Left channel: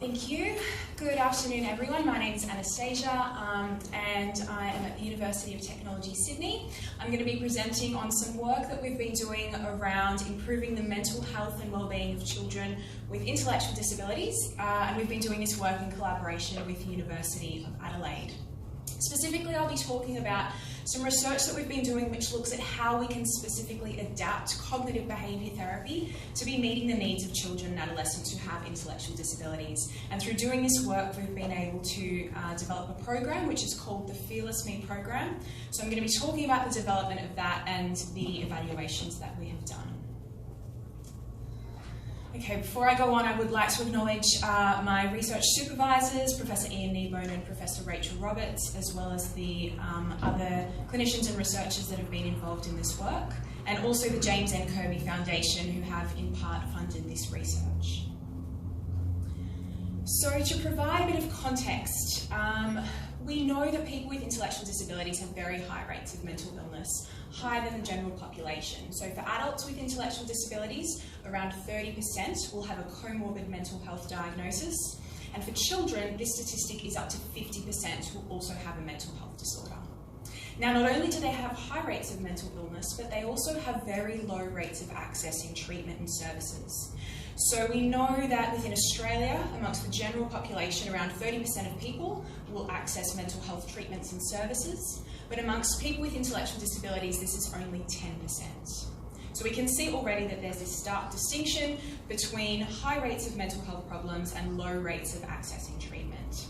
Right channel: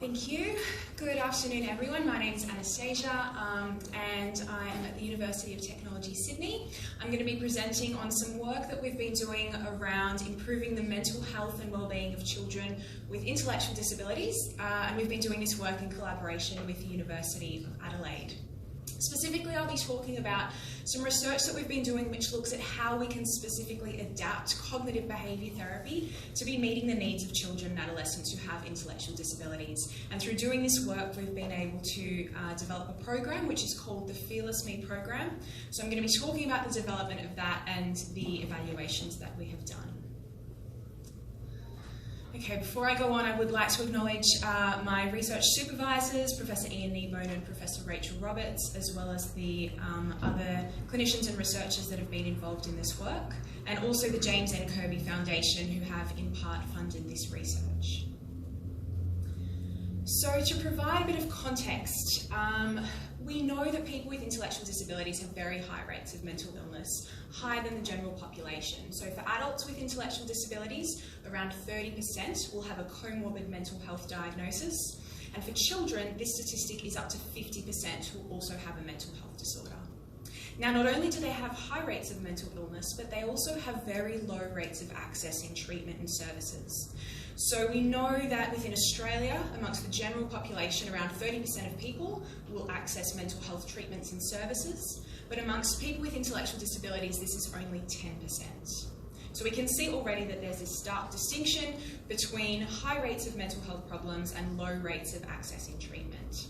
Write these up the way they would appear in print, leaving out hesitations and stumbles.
Thank you. Good afternoon, everyone. My name is Anastasia, and I am at the University of Technology, Sydney. I'm going to be presenting on some work that we've been doing around improving the mental health and wellbeing of children with intellectual disabilities, and we've been doing this work in collaboration with the University of Adelaide. Specifically, I'll be talking about some research that we've been doing which looks at how we can specifically adapt cognitive behaviour therapy to be meeting the needs of children and adolescents who have intellectual disabilities. And through doing this work, we've been able to develop a program which is called the Fearless Me program. So I'm going to be talking about the development of that and the evaluations that we have done. Okay, before I go on, I would like to acknowledge my research supervisors, Professor Ian Kneebone and Professor Rachel Roberts, as well as the other clinicians and researchers that have been involved in this work, and also the James N. Kirby Foundation, who have in part funded this research. So to provide a bit of context, we know that people with intellectual disabilities have very high rates of mental illness, higher than the general population. So for adults with intellectual disabilities, around 30% will have a comorbid mental health diagnosis. And for children, this statistic is up to 50% who also have a mental health disorder. Now, not only do they have high rates of mental illness, but they also have very low rates of accessing treatment and services. So we know that within Australia, amongst the general population, around 30% of people will access mental health treatments and services, but amongst people with intellectual disabilities, this is only 10%. So we can see already that there's this stark distinction between high rates of mental health problems and low rates of accessing treatment.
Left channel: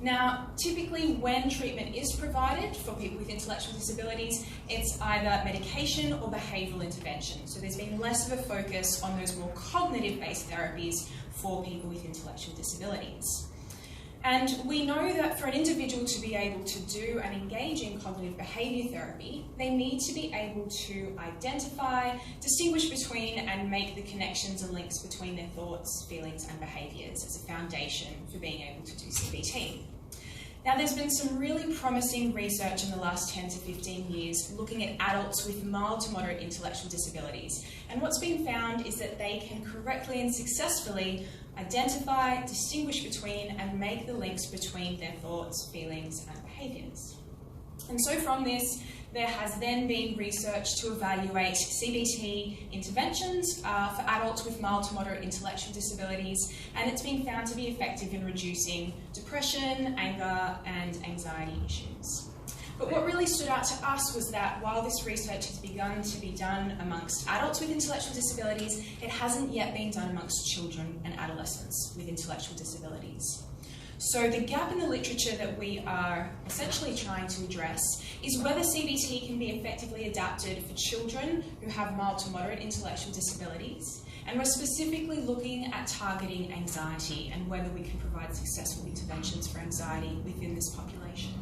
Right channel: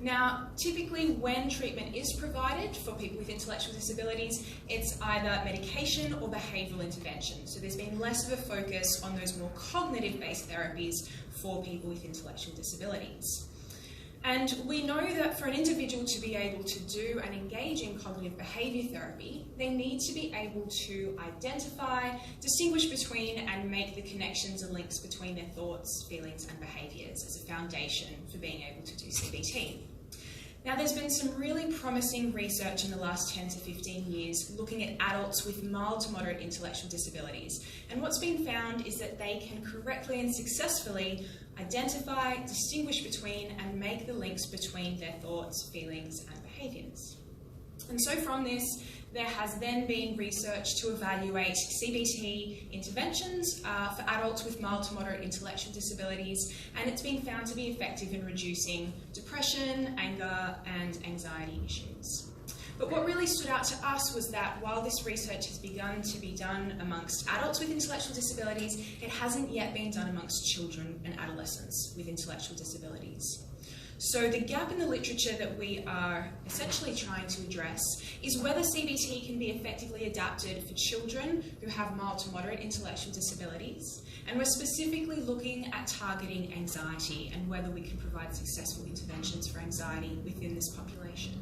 Now, typically when treatment is provided for people with intellectual disabilities, it's either medication or behavioural intervention. So there's been less of a focus on those more cognitive-based therapies for people with intellectual disabilities. And we know that for an individual to be able to do and engage in cognitive behaviour therapy, they need to be able to identify, distinguish between and make the connections and links between their thoughts, feelings and behaviours as a foundation for being able to do CBT. Now, there's been some really promising research in the last 10 to 15 years looking at adults with mild to moderate intellectual disabilities. And what's been found is that they can correctly and successfully identify, distinguish between and make the links between their thoughts, feelings and behaviours. And so from this, there has then been research to evaluate CBT interventions for adults with mild to moderate intellectual disabilities, and it's been found to be effective in reducing depression, anger and anxiety issues. But what really stood out to us was that while this research has begun to be done amongst adults with intellectual disabilities, it hasn't yet been done amongst children and adolescents with intellectual disabilities. So the gap in the literature that we are essentially trying to address is whether CBT can be effectively adapted for children who have mild to moderate intellectual disabilities. And we're specifically looking at targeting anxiety and whether we can provide successful interventions for anxiety within this population.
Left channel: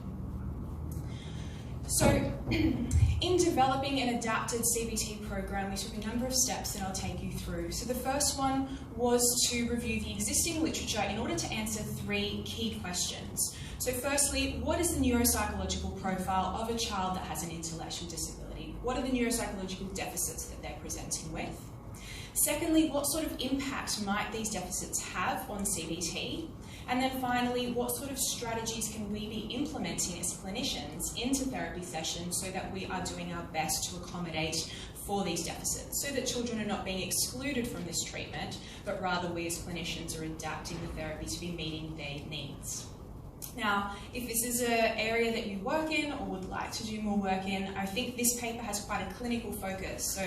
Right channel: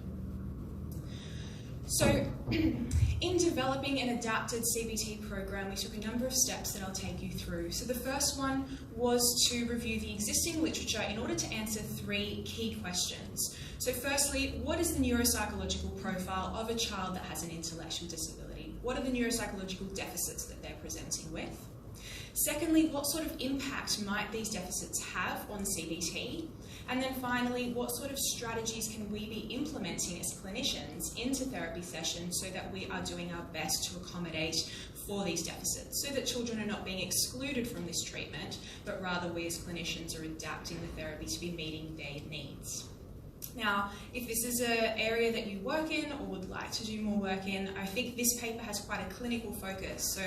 So in developing an adapted CBT program, we took a number of steps that I'll take you through. So the first one was to review the existing literature in order to answer three key questions. So firstly, what is the neuropsychological profile of a child that has an intellectual disability? What are the neuropsychological deficits that they're presenting with? Secondly, what sort of impact might these deficits have on CBT? And then finally, what sort of strategies can we be implementing as clinicians into therapy sessions so that we are doing our best to accommodate for these deficits, so that children are not being excluded from this treatment, but rather we as clinicians are adapting the therapy to be meeting their needs. Now, if this is an area that you work in or would like to do more work in, I think this paper has quite a clinical focus. So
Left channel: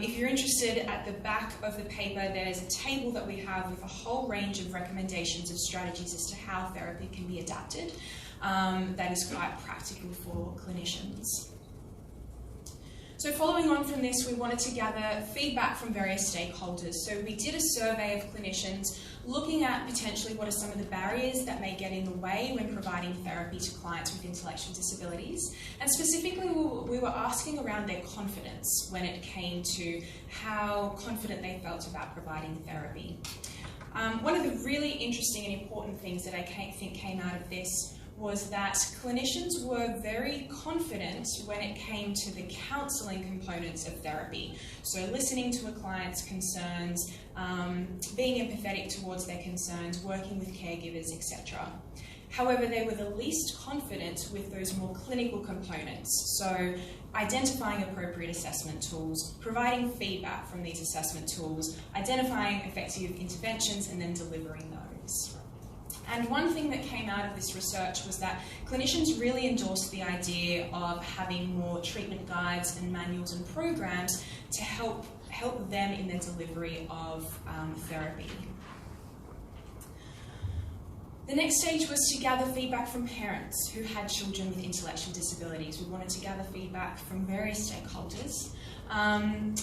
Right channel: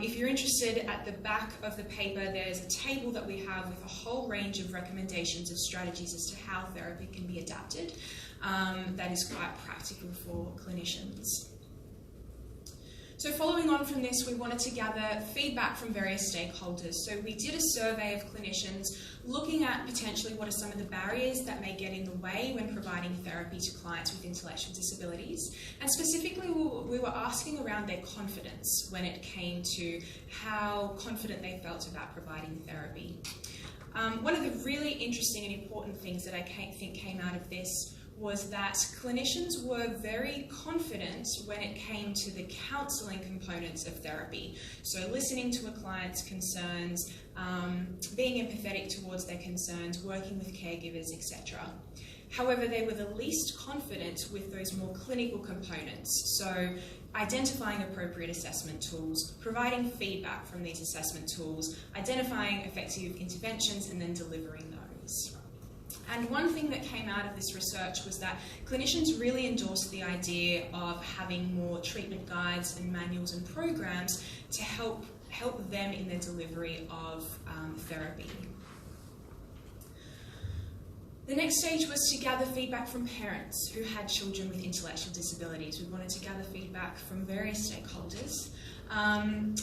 if you're interested, at the back of the paper, there's a table that we have with a whole range of recommendations of strategies as to how therapy can be adapted. That is quite practical for clinicians. So following on from this, we wanted to gather feedback from various stakeholders. So we did a survey of clinicians looking at potentially what are some of the barriers that may get in the way when providing therapy to clients with intellectual disabilities. And specifically, we were asking around their confidence when it came to how confident they felt about providing therapy. One of the really interesting and important things that I think came out of this was that clinicians were very confident when it came to the counselling components of therapy. So listening to a client's concerns, being empathetic towards their concerns, working with caregivers, etc. However, they were the least confident with those more clinical components, so identifying appropriate assessment tools, providing feedback from these assessment tools, identifying effective interventions, and then delivering those. And one thing that came out of this research was that clinicians really endorsed the idea of having more treatment guides and manuals and programs to help them in their delivery of therapy. The next stage was to gather feedback from parents who had children with intellectual disabilities. We wanted to gather feedback from various stakeholders. And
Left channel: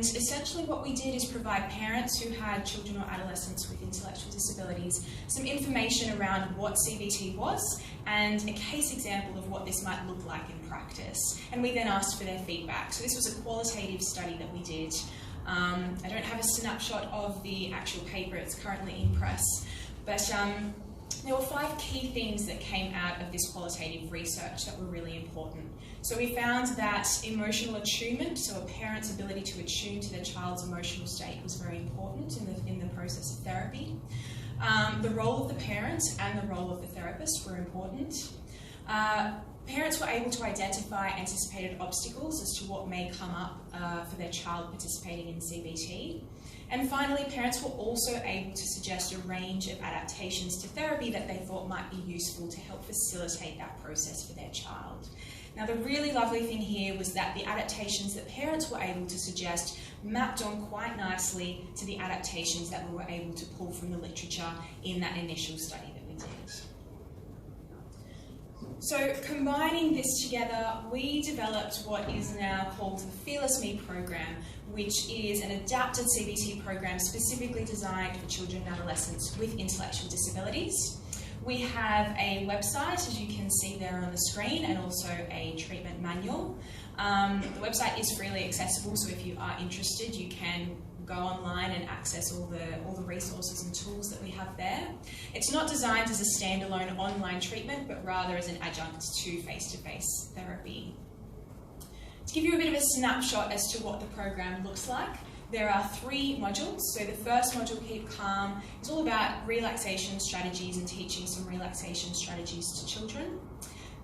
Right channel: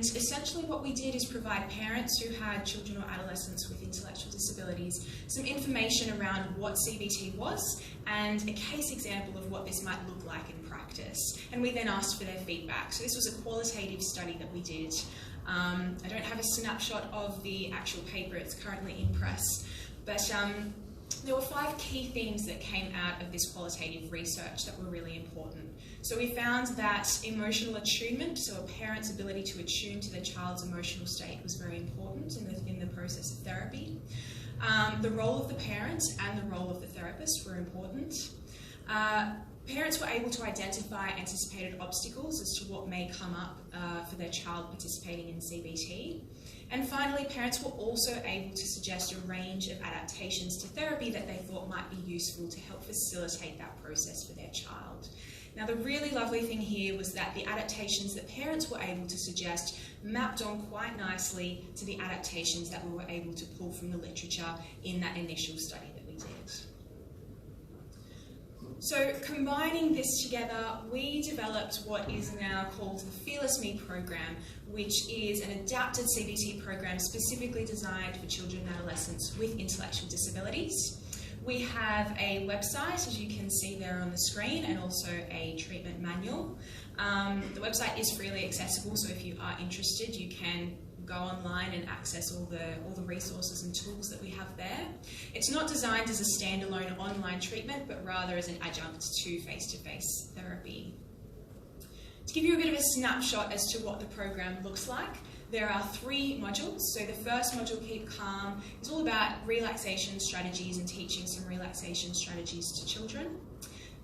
essentially what we did is provide parents who had children or adolescents with intellectual disabilities some information around what CBT was and a case example of what this might look like in practice. And we then asked for their feedback. So this was a qualitative study that we did. I don't have a snapshot of the actual paper, it's currently in press, but there were 5 key things that came out of this qualitative research that were really important. So we found that emotional attunement, so a parent's ability to attune to their child's emotional state, was very important in the process of therapy. The role of the parent and the role of the therapist were important. Parents were able to identify anticipated obstacles as to what may come up for their child participating in CBT. And finally, parents were also able to suggest a range of adaptations to therapy that they thought might be useful to help facilitate that process for their child. Now, the really lovely thing here was that the adaptations that parents were able to suggest mapped on quite nicely to the adaptations that we were able to pull from the literature in that initial study that we did. So combining this together, we developed what is now called the Fearless Me program, which is an adapted CBT program specifically designed for children and adolescents with intellectual disabilities. We have a website, as you can see there on the screen, and also a treatment manual. The website is freely accessible, so if you are interested, you can go online and access all the resources and tools that we have there. It's not designed as a standalone online treatment, but rather as an adjunct to face-to-face therapy. To give you a bit of a snapshot as to what the program looks like, there are 3 modules. So the first module, Keep Calm, is all about relaxation strategies and teaching some relaxation strategies to children.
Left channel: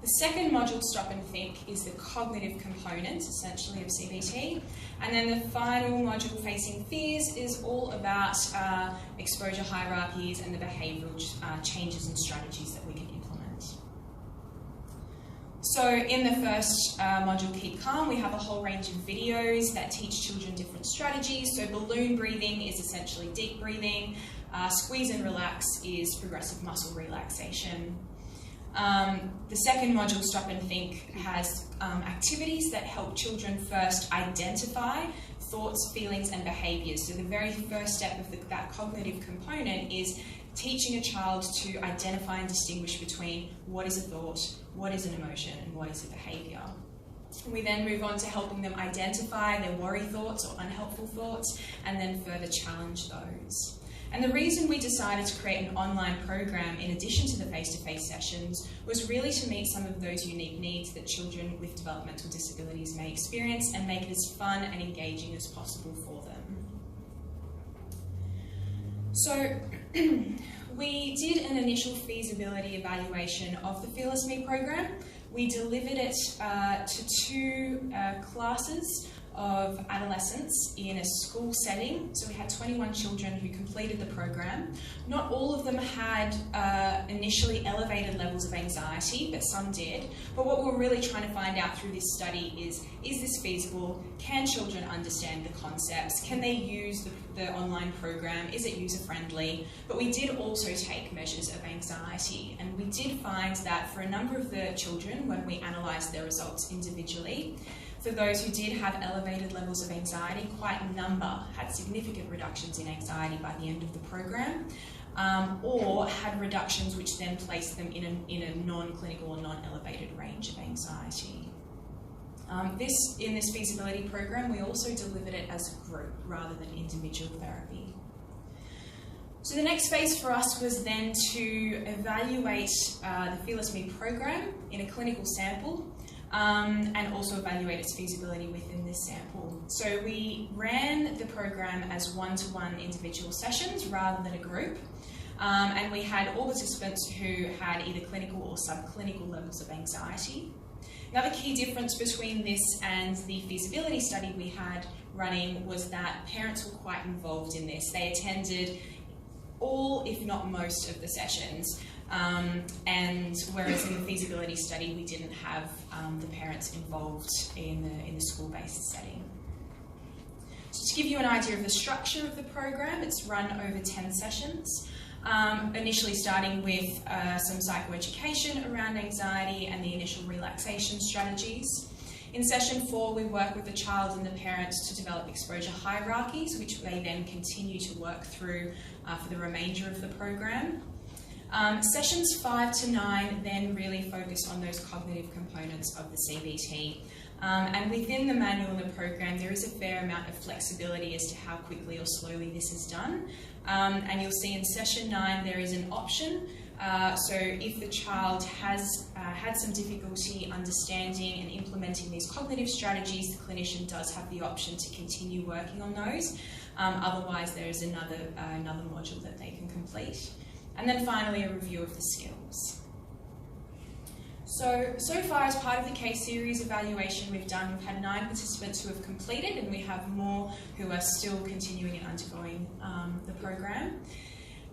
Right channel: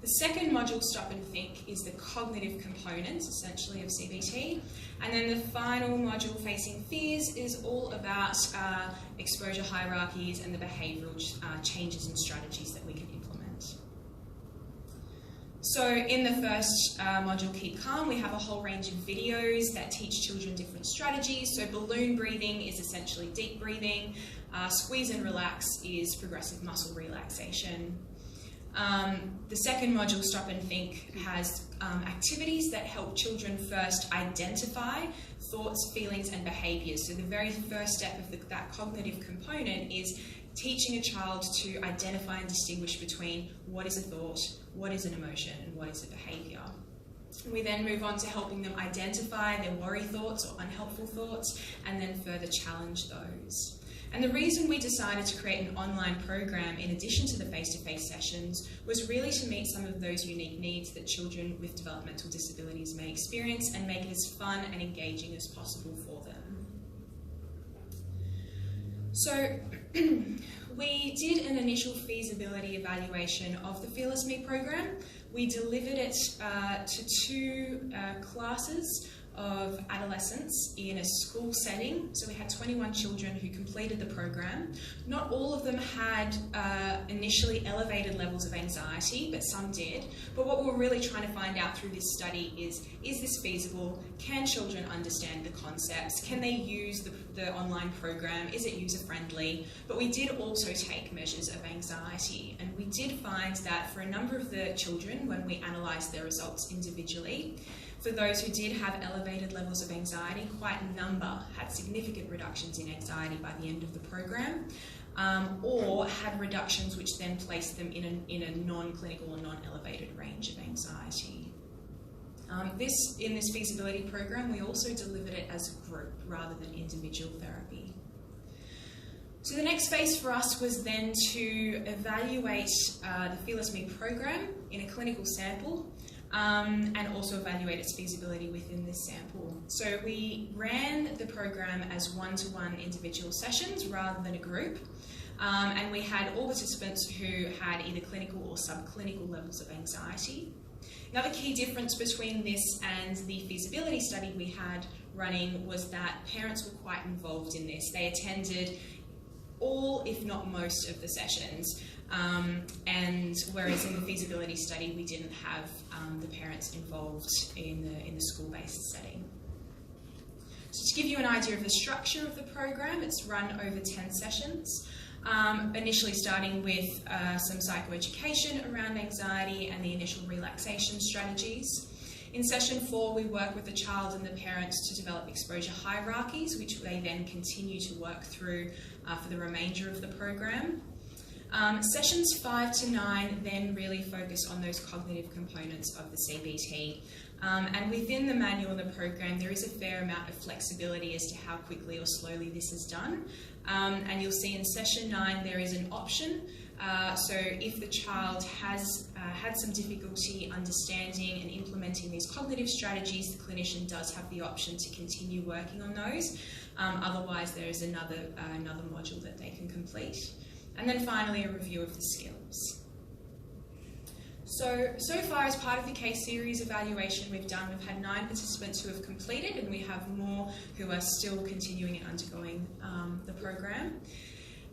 The second module, Stop and Think, is the cognitive component, essentially, of CBT. And then the final module, Facing Fears, is all about exposure hierarchies and the behavioural changes and strategies that we can implement. So in the first module, Keep Calm, we have a whole range of videos that teach children different strategies. So balloon breathing is essentially deep breathing. Squeeze and relax is progressive muscle relaxation. The second module, Stop and Think, has activities that help children first identify thoughts, feelings and behaviours. So the very first step of that cognitive component is teaching a child to identify and distinguish between what is a thought, what is an emotion, and what is a behaviour. We then move on to helping them identify their worry thoughts or unhelpful thoughts, and then further challenge those. And the reason we decided to create an online program in addition to the face-to-face sessions was really to meet some of those unique needs that children with developmental disabilities may experience and make it as fun and engaging as possible for them. So we did an initial feasibility evaluation of the Fearless Me program. We delivered it to 2 classes of adolescents in a school setting. So we had 21 children who completed the program. Not all of them had initially elevated levels of anxiety, but some did. But what we're really trying to find out through this study is this feasible? Can children understand the concepts? Can they use the online program? Is it user-friendly? But we did also take measures of anxiety, and we did find that for a number of the children, when we analysed their results individually, for those who did have elevated levels of anxiety, quite a number had significant reductions in anxiety by the end of the program, or had reductions which then placed them in a non-clinical or non-elevated range of anxiety. In this feasibility program, we also delivered it as a group rather than individual therapy. So the next phase for us was then to evaluate the Fearless Me program in a clinical sample. and also evaluate its feasibility within this sample. So we ran the program as one-to-one individual sessions rather than a group. And we had all participants who had either clinical or subclinical levels of anxiety. Another key difference between this and the feasibility study we had running was that parents were quite involved in this. They attended all, if not most, of the sessions. And whereas in the feasibility study we didn't have the parents involved in the school-based setting. So to give you an idea of the structure of the program, it's run over 10 sessions. Initially starting with some psychoeducation around anxiety and the initial relaxation strategies. In session 4, we work with the child and the parents to develop exposure hierarchies, which they then continue to work through for the remainder of the program. Sessions 5 to 9 then really focus on those cognitive components of the CBT. And within the manual and the program, there is a fair amount of flexibility as to how quickly or slowly this is done. And you'll see in session 9 there is an option. So if the child has had some difficulty understanding and implementing these cognitive strategies, the clinician does have the option to continue working on those. Otherwise, there is another module that they can complete. And then finally, a review of the skills. So far, as part of the case series evaluation we've done, we've had 9 participants who have completed, and we have more who are still continuing and undergoing the program.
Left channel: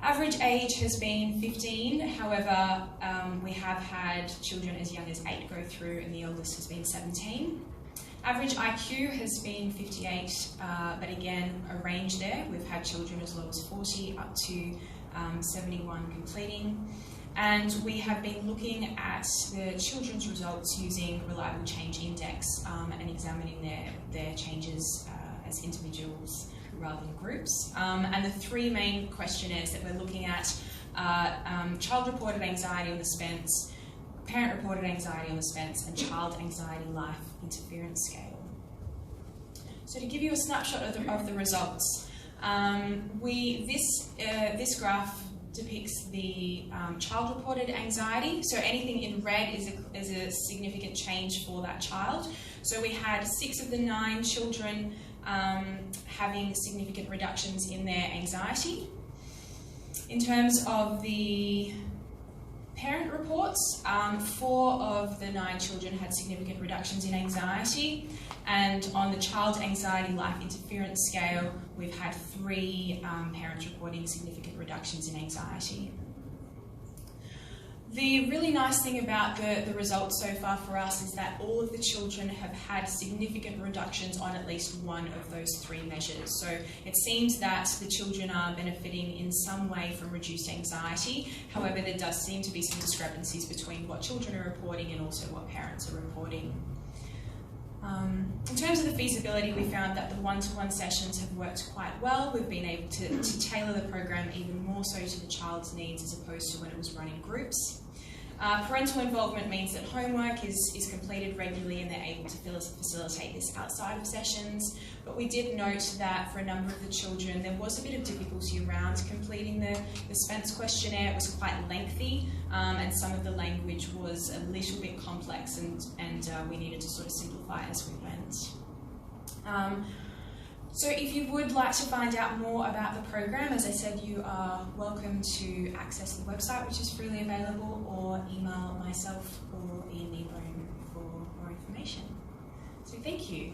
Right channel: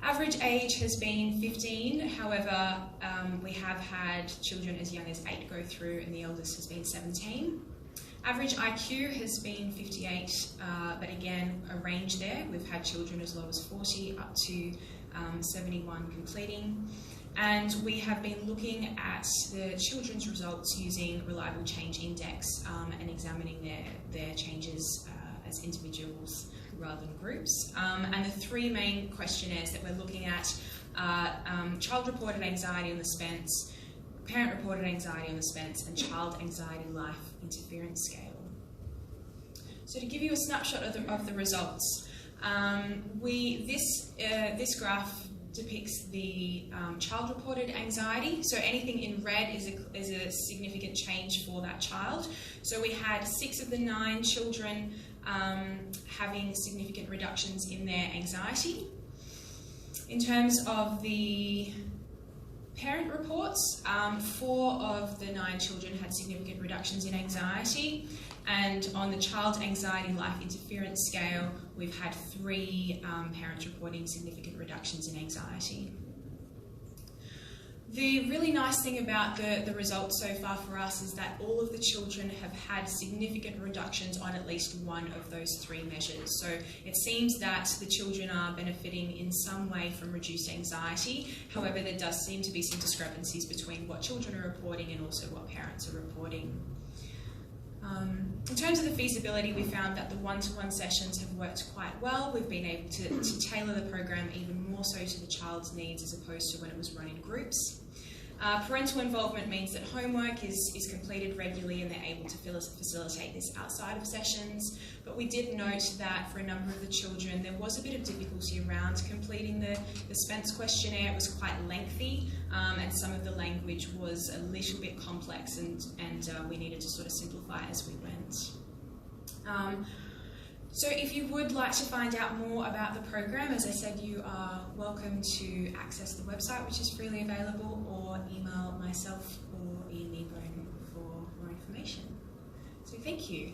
Average age has been 15, however, we have had children as young as 8 go through, and the eldest has been 17. Average IQ has been 58, but again, a range there. We've had children as low as 40 up to 71 completing. And we have been looking at the children's results using Reliable Change Index and examining their changes as individuals rather than groups. And the 3 main questionnaires that we're looking at are child-reported anxiety on the Spence, parent-reported anxiety on the Spence, and child anxiety life interference scale. So to give you a snapshot of the results, this graph depicts the child-reported anxiety. So anything in red is a significant change for that child. So we had 6 of the 9 children having significant reductions in their anxiety. In terms of the parent reports, 4 of the 9 children had significant reductions in anxiety. And on the child anxiety life interference scale, we've had 3 parents reporting significant reductions in anxiety. The really nice thing about the results so far for us is that all of the children have had significant reductions on at least one of those 3 measures. So it seems that the children are benefiting in some way from reduced anxiety. However, there does seem to be some discrepancies between what children are reporting and also what parents are reporting. In terms of the feasibility, we found that the one-to-one sessions have worked quite well. We've been able to tailor the program even more so to the child's needs as opposed to when it was run in groups. Parental involvement means that homework is completed regularly and they're able to facilitate this outside of sessions. But we did note that for a number of the children there was a bit of difficulty around completing the Spence questionnaire. It was quite lengthy and some of the language was a little bit complex and we needed to sort of simplify as we went. So if you would like to find out more about the program, as I said, you are welcome to access the website, which is freely available, or email myself or Ian Niebrome for more information. So thank you.